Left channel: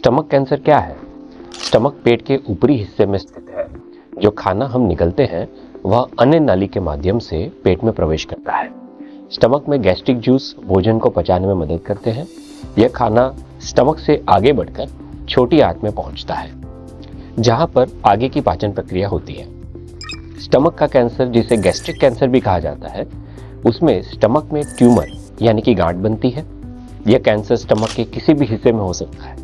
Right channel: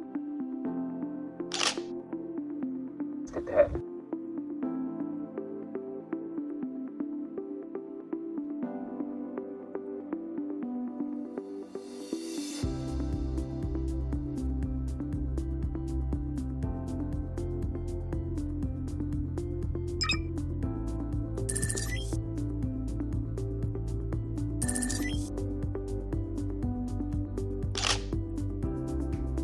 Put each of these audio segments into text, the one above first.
Stomach cancer क्या है? Stomach पेट के ऊपरी हिस्से में स्थित है। जो खाना हम निगलते हैं वह अन्य नाली के माध्यम से पेट में प्रवेश करता है। स्टमक में गैस्ट्रिक जूस भोजन को पचाने में मदद करते हैं। यह खाना स्टमक से आगे बढ़कर छोटी आंत में पहुंचता है, जहां पर आगे की पाचन प्रक्रिया होती है। स्टमक का कैंसर, जिसे गैस्ट्रिक कैंसर भी कहा जाता है, उसमें स्टमक में ट्यूमर यानी कि गांठ बनती है। यह कैंसर स्टमक के किसी भी हिस्से में हो सकता है।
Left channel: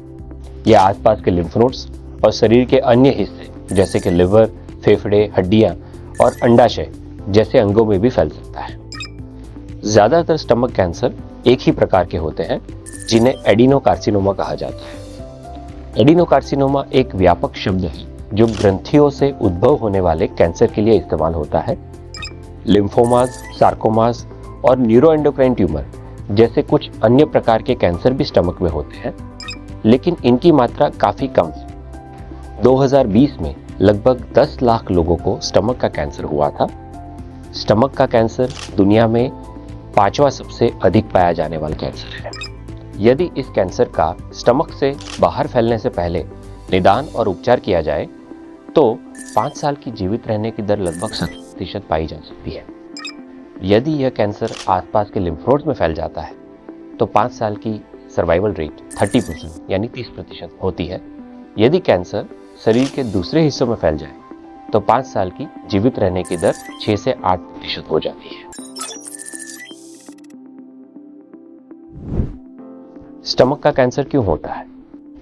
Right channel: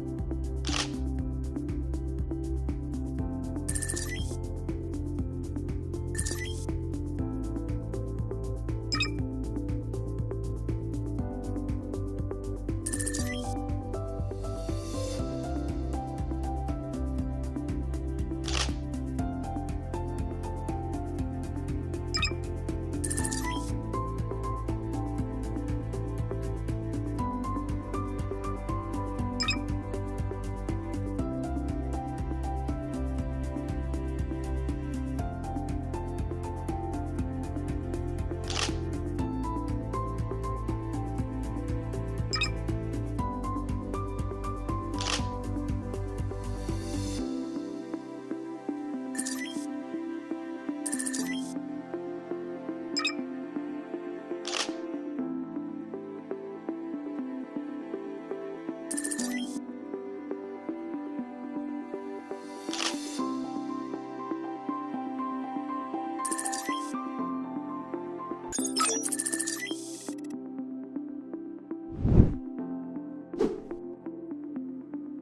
यह आसपास के लिम्फ नोड्स और शरीर के अन्य हिस्से जैसे कि लिवर, फेफड़े, हड्डियां और अंडाशय जैसे अंगों में भी फैल सकता है। ज्यादातर स्टमक कैंसर एक ही प्रकार के होते हैं, जिन्हें एडिनोकार्सिनोमा कहा जाता है। एडिनोकार्सिनोमा एक व्यापक शब्द है जो ग्रंथियों से उद्भव होने वाले कैंसर के लिए इस्तेमाल होता है। लिम्फोमास, सार्कोमास और न्यूरोएंडोक्राइन ट्यूमर जैसे कुछ अन्य प्रकार के कैंसर भी स्टमक में होते हैं, लेकिन इनकी मात्रा काफी कम है। 2020 में लगभग 10 लाख लोगों को स्टमक का कैंसर हुआ था। स्टमक का कैंसर दुनिया में 5वां सबसे अधिक पाया जाने वाला कैंसर है। यदि इस कैंसर का स्टमक से बाहर फैलने से पहले निदान और उपचार किया जाए तो 5 साल की जीवित रहने की दर लगभग 70% पाई जा सकती है। यदि यह कैंसर आसपास के लिम्फ नोड्स में फैल जाता है तो 5 साल की सर्वाइवल रेट 30% यानी 30% होती है। यदि कैंसर शरीर के दूसरे हिस्सों में फैल जाए तो 5 साल की जीवित रहने की दर 6 से 8% हो जाती है। स्टमक का कैंसर क्यों होता है?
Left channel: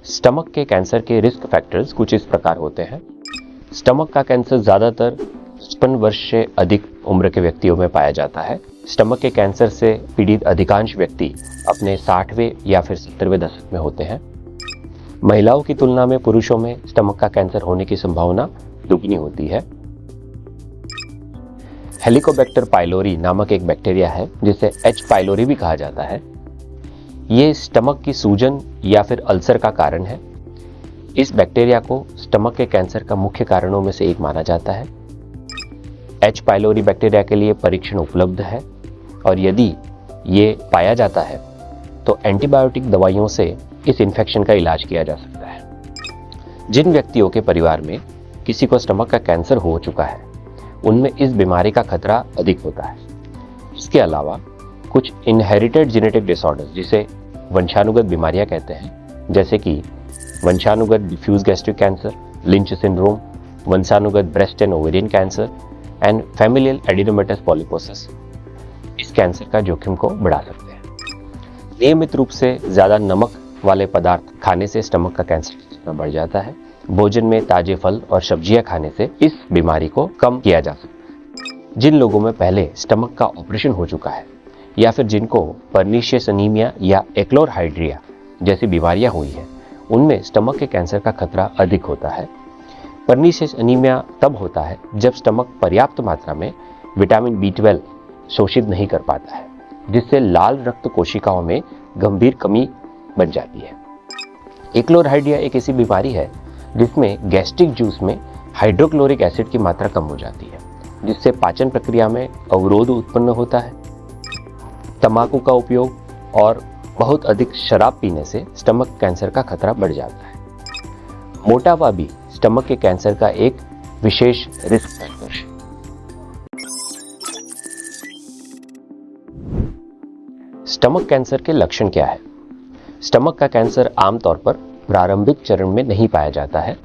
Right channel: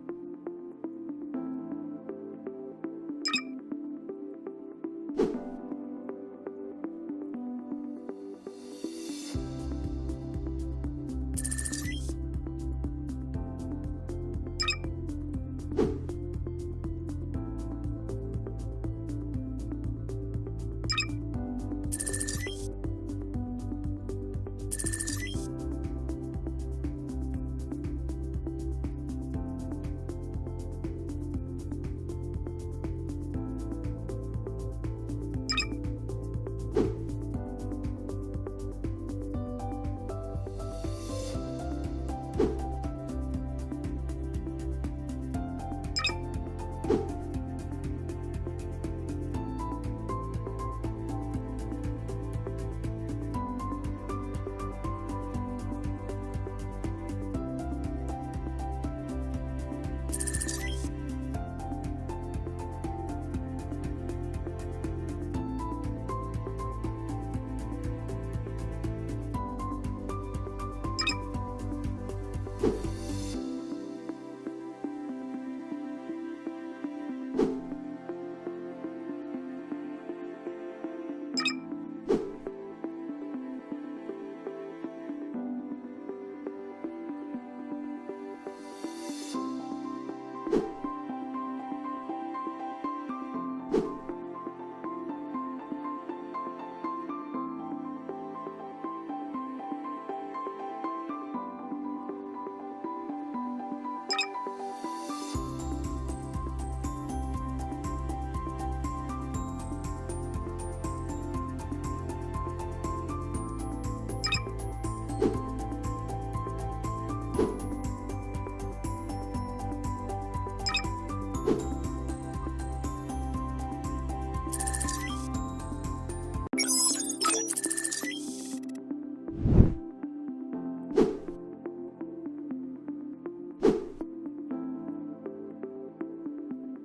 स्टमक के कैंसर के रिस्क फैक्टर्स कुछ इस प्रकार होते हैं। स्टमक का कैंसर ज्यादातर 55 वर्ष से अधिक उम्र के व्यक्तियों में पाया जाता है। स्टमक के कैंसर से पीड़ित अधिकांश व्यक्ति अपने 60वें या फिर 70वें दशक में होते हैं। महिलाओं की तुलना में पुरुषों में स्टमक का कैंसर होने की संभावना दुगनी होती है। हेलिकोबैक्टर पाइलोरी नामक एक बैक्टीरिया है, जिसे एच पाइलोरी भी कहा जाता है। ये स्टमक की सूजन या फिर अल्सर का कारण है। इस बैक्टीरिया को स्टमक के कैंसर का मुख्य कारणों में से एक माना जाता है। एच पाइलोरी बैक्टीरिया के लिए परीक्षण उपलब्ध है और यदि ये पाया जाता है तो एंटीबायोटिक दवाइयों से इस इन्फेक्शन का इलाज किया जा सकता है। जिन व्यक्तियों के परिवार में किसी को स्टमक का कैंसर हो चुका है, उनमें इस बीमारी का खतरा अधिक होता है। इसके अलावा कुछ इनहेरिटेड जेनेटिक डिसऑर्डर, जिसे वंशानुगत बीमारियां कहते हैं, जैसे कि वंशानुगत diffuse gastric cancer, Lynch syndrome, वंशानुगत breast and ovarian cancer and familial adenomatous polyposis, इस कैंसर का जोखिम को बढ़ा सकते हैं। नियमित रूप से ज्यादा नमक वाले पदार्थ खाने से स्टमक का कैंसर बढ़ जाता है। भोजन में ताजे फल और सब्जियां खाने से इस बीमारी को कम किया जा सकता है। जिन लोगों में पहले स्टमक का ऑपरेशन हो चुका है या फिर जिनको पर्नीशियस अनीमिया या एक्लोरहाइड्रिया जैसी बीमारियां हुई है, उनमें स्टमक के कैंसर का खतरा अधिक होता है। पर्नीशियस अनीमिया तब होता है जब स्टमक पर्याप्त मात्रा में विटामिन B12 शोषित नहीं कर पाता है, जिससे लाल रक्त कोशिकाओं में गंभीर कमी बन जाती है। एक्लोरहाइड्रिया एक ऐसी बीमारी है जिसमें गैस्ट्रिक जूस में हाइड्रोक्लोरिक एसिड की मात्रा कम हो जाती है, जिससे पाचन प्रक्रिया में अवरोध उत्पन्न होता है। तंबाकू का उपयोग और बहुत अधिक शराब पीने से स्टमक कैंसर का खतरा बढ़ जाता है। मोटापा भी स्टमक के कैंसर का एक विशेष रिस्क फैक्टर है। स्टमक कैंसर के लक्षण क्या है? स्टमक का कैंसर आमतौर पर प्रारंभिक चरण में नहीं पाया जाता है,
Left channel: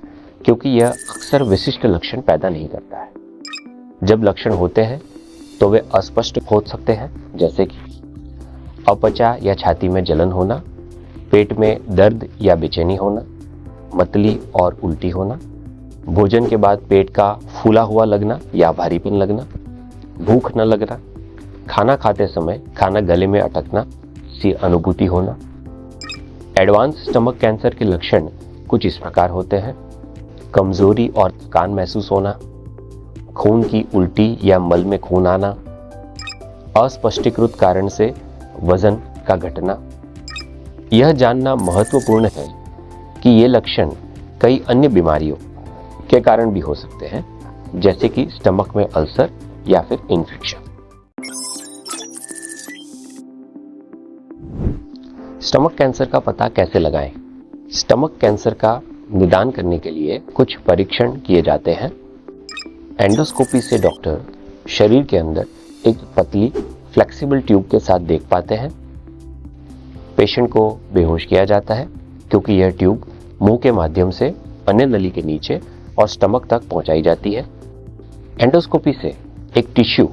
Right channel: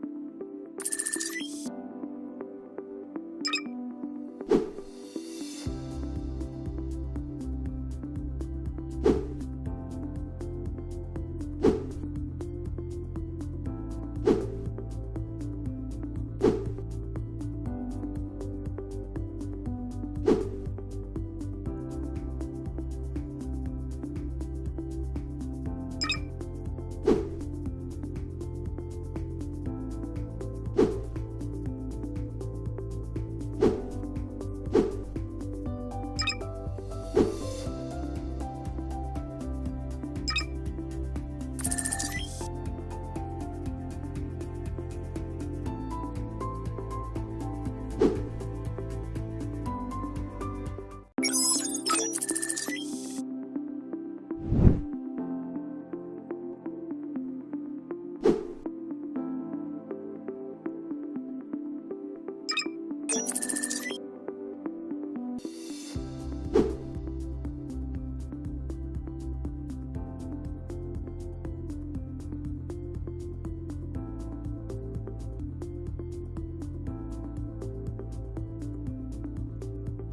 क्योंकि यह अक्सर विशिष्ट लक्षण पैदा नहीं करता है। जब लक्षण होते हैं तो वे अस्पष्ट हो सकते हैं, जैसे कि अपचा या छाती में जलन होना, पेट में दर्द या बेचैनी होना, मतली और उल्टी होना, भोजन के बाद पेट का फूला हुआ लगना या भारीपन लगना, भूख न लगना, खाना खाते समय खाना गले में अटकना सी अनुभूति होना। एडवांस स्टमक कैंसर के लक्षण कुछ इस प्रकार होते हैं: कमजोरी और थकान महसूस होना, खून की उल्टी या मल में खून आना, अस्पष्टीकृत कारण से वजन का घटना। यह जानना महत्वपूर्ण है कि ये लक्षण कई अन्य बीमारियों के कारण भी हो सकते हैं, जैसे कि स्टमक में अल्सर या फिर इन्फेक्शन। स्टमक कैंसर का पता कैसे लगाएं? स्टमक कैंसर का निदान करने के लिए कुछ परीक्षण किए जाते हैं। एंडोस्कोपी से डॉक्टर शरीर के अंदर एक पतली फ्लेक्सिबल ट्यूब के साथ देख पाते हैं। पेशेंट को बेहोश किया जाता है क्योंकि यह ट्यूब मुंह के माध्यम से अन्य नली के नीचे और स्टमक तक पहुंचाई जाती है। एंडोस्कोपी से एक टिश्यू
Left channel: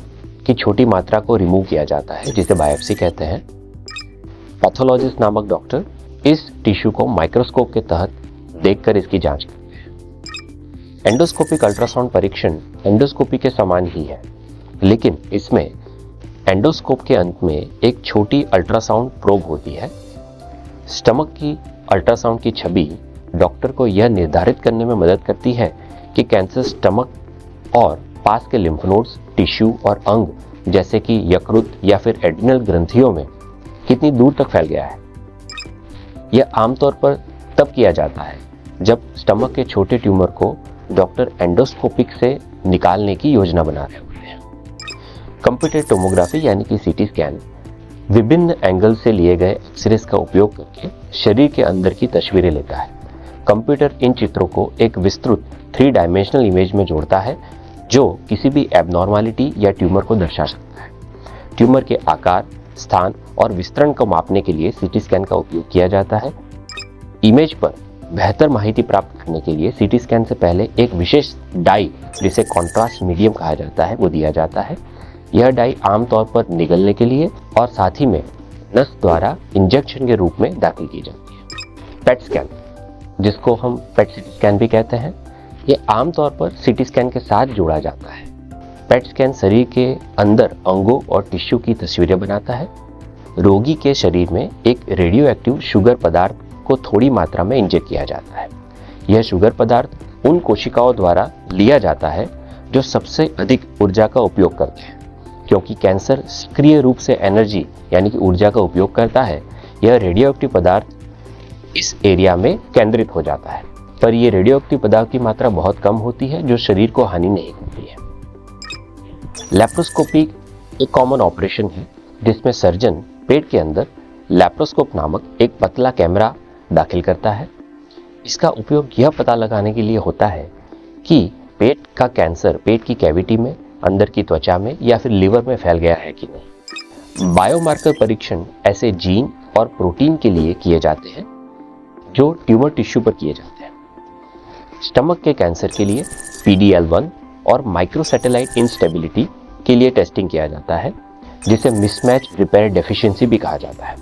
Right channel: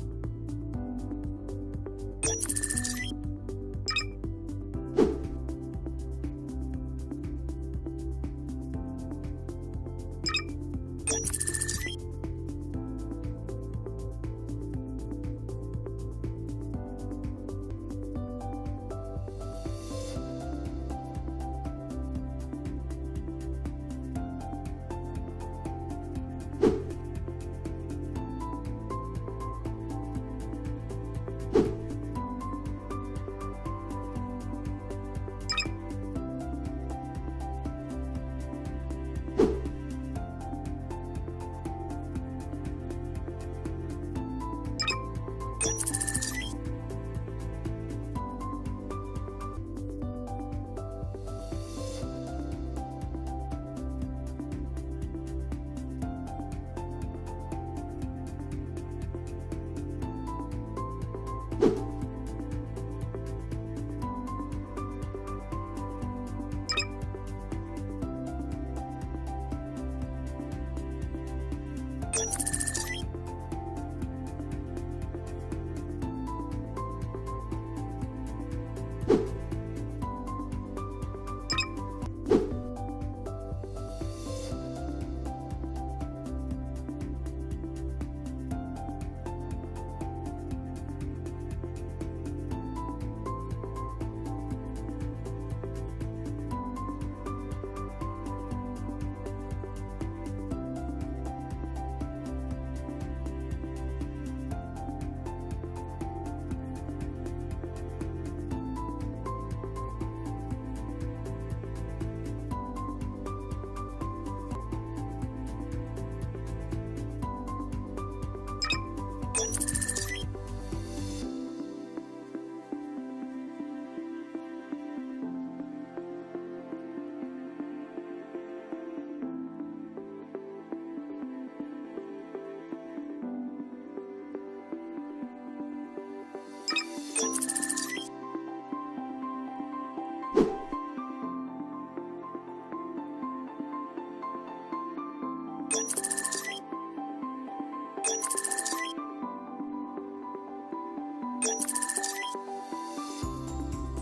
की छोटी मात्रा को रिमूव किया जाता है जिसे बायोप्सी कहते हैं। पैथोलॉजिस्ट नामक डॉक्टर इस टिश्यू को माइक्रोस्कोप के तहत देखकर इसकी जांच करते हैं। एंडोस्कोपिक अल्ट्रासाउंड परीक्षण एंडोस्कोपी के समान ही है, लेकिन इसमें एंडोस्कोप के अंत में एक छोटी अल्ट्रासाउंड प्रोब होती है। स्टमक की अल्ट्रासाउंड की छवि डॉक्टर को यह निर्धारित करने में मदद करती है कि कैंसर स्टमक और पास के लिम्फ नोड्स, टिश्यू और अंग जैसे कि यकृत या फिर एड्रिनल ग्रंथियों में कितनी दूर तक फैल गया है। यह आमतौर पर तब किया जाता है जब स्टमक के छोटे ट्यूमर को डॉक्टर एंडोस्कोपिक से निकालने की योजना बना रहे होते हैं। कंप्यूटर टोमोग्राफी यानी कि सीटी स्कैन विभिन्न एंगल से लिए गए एक्सरेज का उपयोग करके शरीर के अंदर की तस्वीरें लेता है। कंप्यूटर इन चित्रों को एक विस्तृत 3 डायमेंशनल इमेज में जोड़ता है जो किसी भी एबनॉर्मालिटी या ट्यूमर को दर्शा सकता है। ट्यूमर के आकार, स्थान और विस्तरण को मापने के लिए सीटी स्कैन का उपयोग किया जाता है। इमेज पर बेहतर माहिती प्राप्त करने के लिए सीटी स्कैन से पहले एक विशेष डाई जिसे कॉन्ट्रास्ट मीडियम कहा जाता है वो दिया जाता है। यह डाई आमतौर पर निगलने के लिए और साथ ही में नस द्वारा इंजेक्शन के रूप में दाखिल की जाती है। पेट स्कैन, जिसको हम पेट स्कैन भी कहते हैं, ये आमतौर पर सीटी स्कैन के साथ जोड़ा जाता है। पेट स्कैन शरीर के अंदर अंगों और टिश्यू की तस्वीरें बनाता है। रोगी के शरीर में एक रेडियो एक्टिव शुगर पदार्थ को थोड़ी मात्रा में इंजेक्ट किया जाता है। यह शुगर पदार्थ उन कोशिकाओं द्वारा लिया जाता है जो सबसे अधिक ऊर्जा का उपयोग करते हैं। क्योंकि कैंसर सक्रिय रूप से एनर्जी यानी कि ऊर्जा का उपयोग करता है, यह रेडियो एक्टिव पदार्थ इस एरिया में केंद्रित हो जाता है, पर यह रेडियो एक्टिव पदार्थ की मात्रा बहुत कम होती है जो शरीर को हानि नहीं होती है। लैप्रोस्कोपी एक कॉमन ऑपरेशन है जिसमें सर्जन पेट के अंदर लैप्रोस्कोप नामक एक पतला कैमरा दाखिल करता है। इसका उपयोग यह पता लगाने के लिए होता है कि पेट का कैंसर पेट की कैविटी में, अंदर की त्वचा में या फिर लिवर में फैल गया है कि नहीं। बायोमार्कर परीक्षण ऐसे जीन और प्रोटीन के लिए किए जाते हैं जो ट्यूमर टिश्यू पर किए जाते हैं। स्टमक के कैंसर के लिए PD-L1 और माइक्रोसैटेलाइट इंस्टेबिलिटी के लिए टेस्टिंग किया जाता है जिसे मिसमैच रिपेयर डेफिशिएंसी भी कहा जाता है।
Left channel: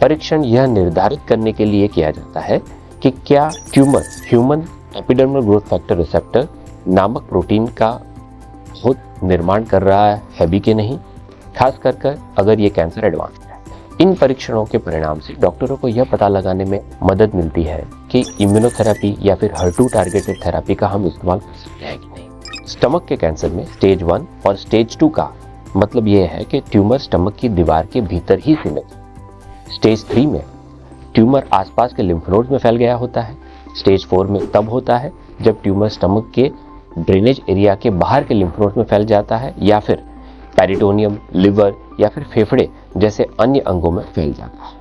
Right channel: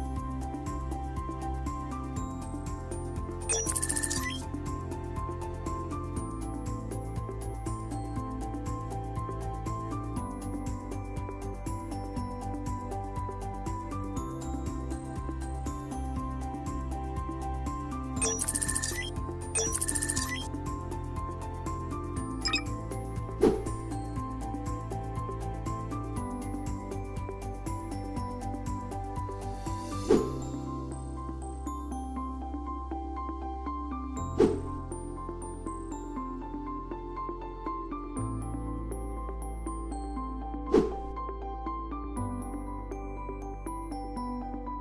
परीक्षण यह निर्धारित करने के लिए किया जाता है कि क्या tumour human epidermal growth factor receptor नामक प्रोटीन का बहुत निर्माण कर रहा है भी कि नहीं, खास कर अगर ये कैंसर एडवांस है। इन परीक्षणों के परिणाम से डॉक्टरों को यह पता लगाने में मदद मिलती है कि इम्यूनोथेरेपी या फिर HER2 टारगेटेड थेरेपी का हम इस्तेमाल कर सकते हैं कि नहीं। स्टमक के कैंसर में स्टेज 1 और स्टेज 2 का मतलब यह है कि ट्यूमर स्टमक की दीवार के भीतर ही सीमित है। स्टेज 3 में ट्यूमर आसपास के लिम्फ नोड्स में फैल गया होता है। स्टेज 4 में तब होता है जब ट्यूमर स्टमक के ड्रेनेज एरिया के बाहर के लिम्फ नोड्स में फैल जाता है या फिर पेरिटोनियम, लिवर या फिर फेफड़े जैसे अन्य अंगों में फैल जाता है।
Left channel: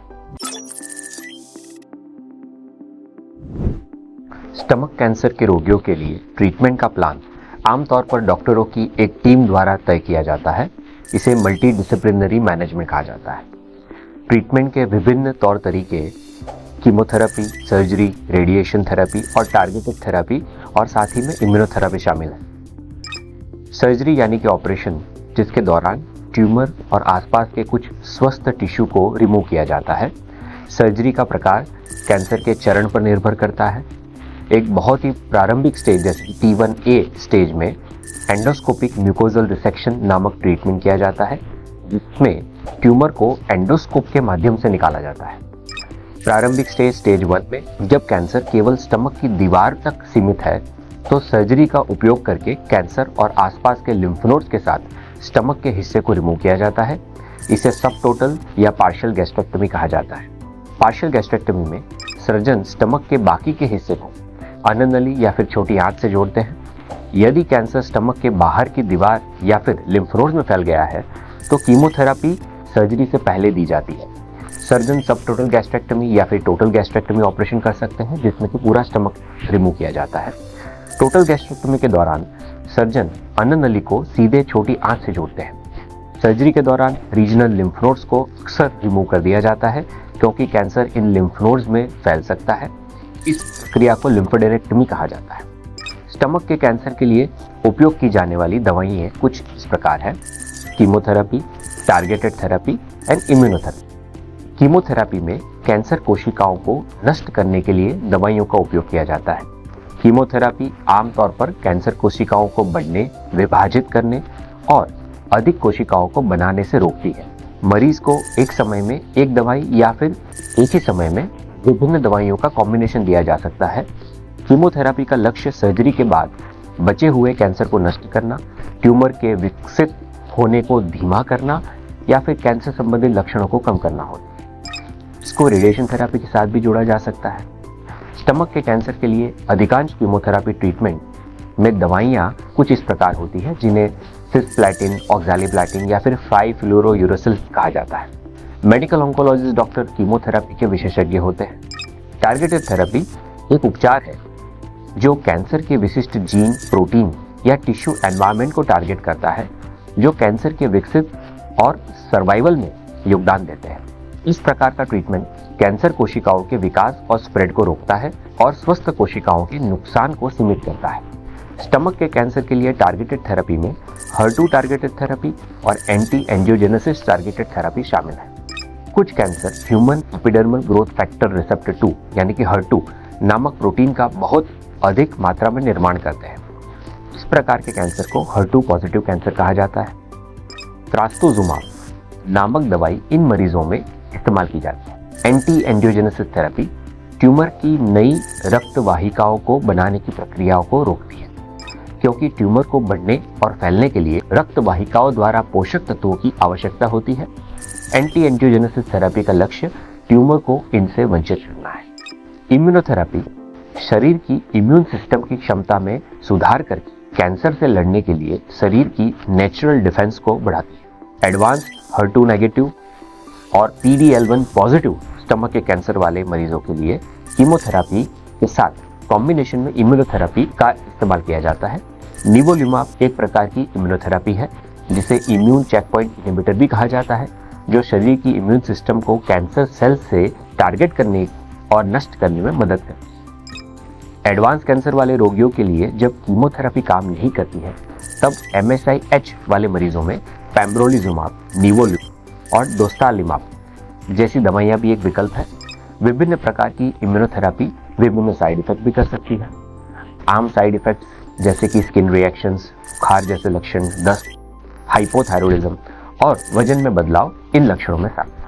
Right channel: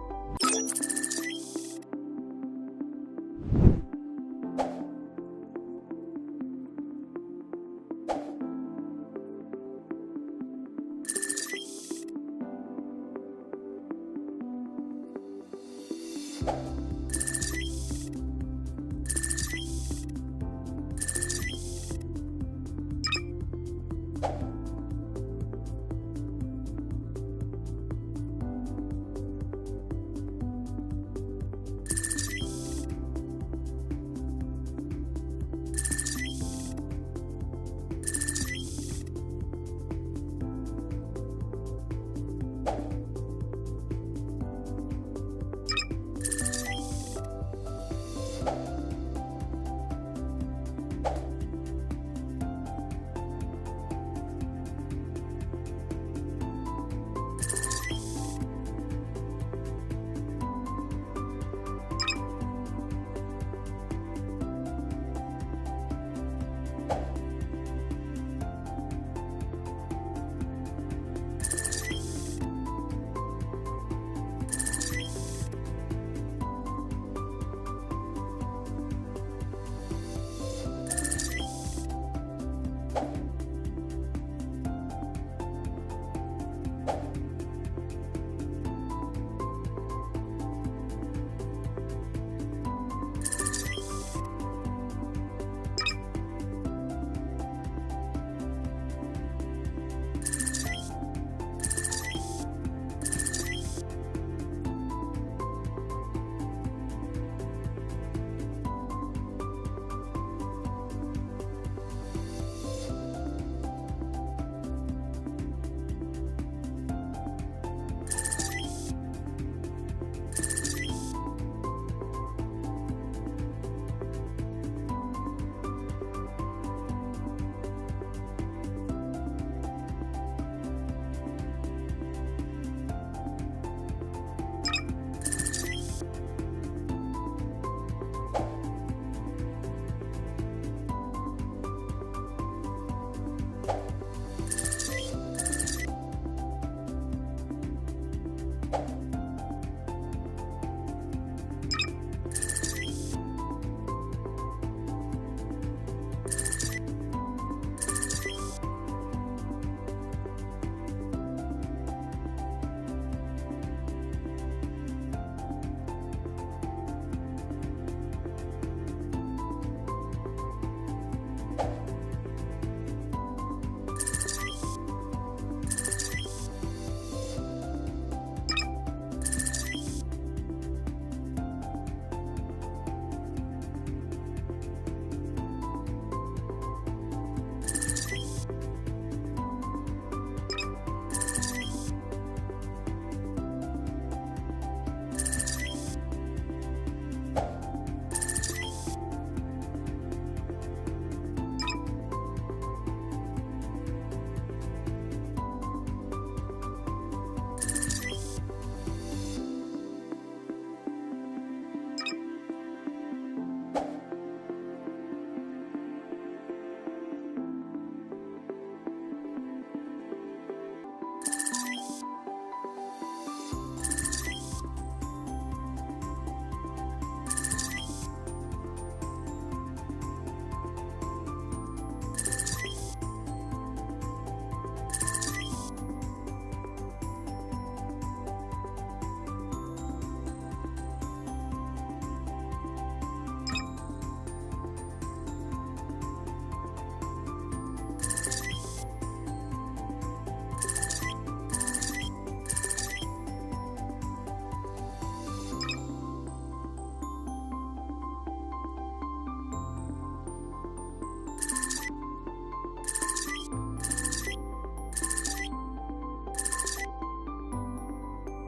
स्टमक कैंसर के रोगियों के लिए ट्रीटमेंट का प्लान आमतौर पर डॉक्टरों की एक टीम द्वारा तय किया जाता है। इसे मल्टी डिसिप्लिनरी मैनेजमेंट कहा जाता है। ट्रीटमेंट के विभिन्न तौर तरीके कीमोथेरेपी, सर्जरी, रेडिएशन थेरेपी और टारगेटेड थेरेपी और साथ ही में इम्यूनोथेरेपी शामिल है। सर्जरी यानी कि ऑपरेशन जिसके दौरान ट्यूमर और आसपास के कुछ स्वस्थ टिश्यू को रिमूव किया जाता है। सर्जरी का प्रकार कैंसर के चरण पर निर्भर करता है। एक बहुत ही प्रारंभिक स्टेज जैसे T1A स्टेज में एंडोस्कोपिक म्यूकोजल रिसेक्शन नामक ट्रीटमेंट किया जाता है जिसमें ट्यूमर को एंडोस्कोप के माध्यम से निकाला जाता है। प्रारंभिक स्टेज 1 में जब कैंसर केवल स्टमक की दीवार तक सीमित है तो सर्जरी का उपयोग करके कैंसर और आसपास के लिम्फ नोड्स के साथ स्टमक के हिस्से को रिमूव किया जाता है। इसे सबटोटल या पार्शियल गैस्ट्रेक्टमी कहा जाता है। पार्शियल गैस्ट्रेक्टमी में सर्जन स्टमक के बाकी के हिस्से को अन्ननली या फिर छोटी आंत से जोड़ते हैं। यदि कैंसर स्टमक के बाहर की दीवार या फिर लिम्फ नोड्स में फैल गया है तो कीमोथेरेपी सर्जरी से पहले दी जाती है। सर्जन सब टोटल गैस्ट्रेक्टमी या फिर टोटल गैस्ट्रेक्टमी ऑपरेशन कर सकते हैं, जिसमें कि पूरा स्टमक रिमूव किया जाता है। टोटल गैस्ट्रेक्टमी के दौरान सर्जन अन्न नली को सीधे छोटी आंत से जोड़ते हैं। सर्जरी के दौरान रीजनल लिम्फ नोड्स को अक्सर रिमूव कर दिया जाता है, क्योंकि कैंसर इन लिम्फ नोड्स में फैल सकता है। इस क्रिया को लिम्फोडेनेक्टमी कहा जाता है। स्टमक के कैंसर के लिए उपयोग की जाने वाली दवाइयाँ कुछ इस प्रकार है: chemotherapy, targeted therapy and immunotherapy. Chemotherapy में कैंसर कोशिकाओं को नष्ट करने के लिए दवाइयों का उपयोग किया जाता है। कीमोथेरेपी आमतौर पर कैंसर कोशिकाओं को बढ़ने, विभाजित करने और अधिक कोशिकाओं को बनाने से रोकती है। मरीज को एक समय में एक दवाई या फिर एक ही समय में विभिन्न दवाइयों का कॉम्बिनेशन दिया जा सकता है। कीमोथेरेपी का लक्ष्य सर्जरी के बाद बचे हुए कैंसर को नष्ट करना, ट्यूमर के विकसित होने को धीमा करना या फिर कैंसर संबंधित लक्षणों को कम करना होता है। इसको रेडिएशन थेरेपी के साथ भी जोड़ा जा सकता है। स्टमक के कैंसर के लिए अधिकांश कीमोथेरेपी ट्रीटमेंट में दवाइयाँ कुछ इस प्रकार होती हैं, जिन्हें सिस्प्लैटिन, ऑक्सैलिप्लैटिन या फिर 5-फ्लोरोयूरेसिल कहा जाता है। मेडिकल ऑन्कोलॉजिस्ट डॉक्टर कीमोथेरेपी के विशेषज्ञ होते हैं। टारगेटेड थेरेपी एक उपचार है जो कैंसर के विशिष्ट जीन, प्रोटीन या टिश्यू एनवायरनमेंट को टारगेट करता है, जो कैंसर के विकसित और सर्वाइवल में योगदान देते हैं। इस प्रकार का ट्रीटमेंट कैंसर कोशिकाओं के विकास और स्प्रेड को रोकता है और स्वस्थ कोशिकाओं के नुकसान को सीमित करता है। स्टमक के कैंसर के लिए टारगेटेड थेरेपी में HER2 टारगेटेड थेरेपी और एंटी एंजियोजेनेसिस टारगेटेड थेरेपी शामिल है। कुछ cancer human epidermal growth factor receptor 2 यानी कि HER2 नामक प्रोटीन का बहुत अधिक मात्रा में निर्माण करते हैं। इस प्रकार के कैंसर को HER2 पॉजिटिव कैंसर कहा जाता है। ट्रास्टोजुमाब नामक दवाई इन मरीजों में इस्तेमाल की जाती है। एंटी एंजियोजेनेसिस थेरेपी ट्यूमर की नई रक्त वाहिकाओं को बनाने की प्रक्रियाओं को रोकती है, क्योंकि ट्यूमर को बढ़ने और फैलने के लिए रक्त वाहिकाओं द्वारा पोषक तत्वों की आवश्यकता होती है। एंटी एंजियोजेनेसिस थेरेपी का लक्ष्य ट्यूमर को इनसे वंचित करना है। इम्यूनोथेरेपी शरीर की इम्यून सिस्टम की क्षमता में सुधार करके कैंसर से लड़ने के लिए शरीर की नेचुरल डिफेंस को बढ़ाती है। एडवांस HER2 नेगेटिव और PD-L1 पॉजिटिव स्टमक के कैंसर वाले मरीजों के लिए कीमोथेरेपी के साथ कॉम्बिनेशन में इम्यूनोथेरेपी का इस्तेमाल किया जाता है। निवोलुमाब एक प्रकार की इम्यूनोथेरेपी है, जिसे इम्यून चेकपॉइंट इनहिबिटर भी कहा जाता है, जो शरीर की इम्यून सिस्टम को कैंसर सेल से टारगेट करने और नष्ट करने में मदद करती है। एडवांस कैंसर वाले रोगियों के लिए जब कीमोथेरेपी काम नहीं करती है, तब MSI-H वाले मरीजों में पेम्ब्रोलिजुमाब, निवोलुमाब और डोस्टालिमाब जैसी दवाइयाँ भी एक विकल्प है। विभिन्न प्रकार की इम्यूनोथेरेपी विभिन्न साइड इफेक्ट भी कर सकती है। आम साइड इफेक्ट्स जैसे कि स्किन रिएक्शंस, बुखार जैसे लक्षण, दस्त, हाइपोथायरॉयडिज्म और वजन में बदलाव इन लक्षणों में शामिल हैं।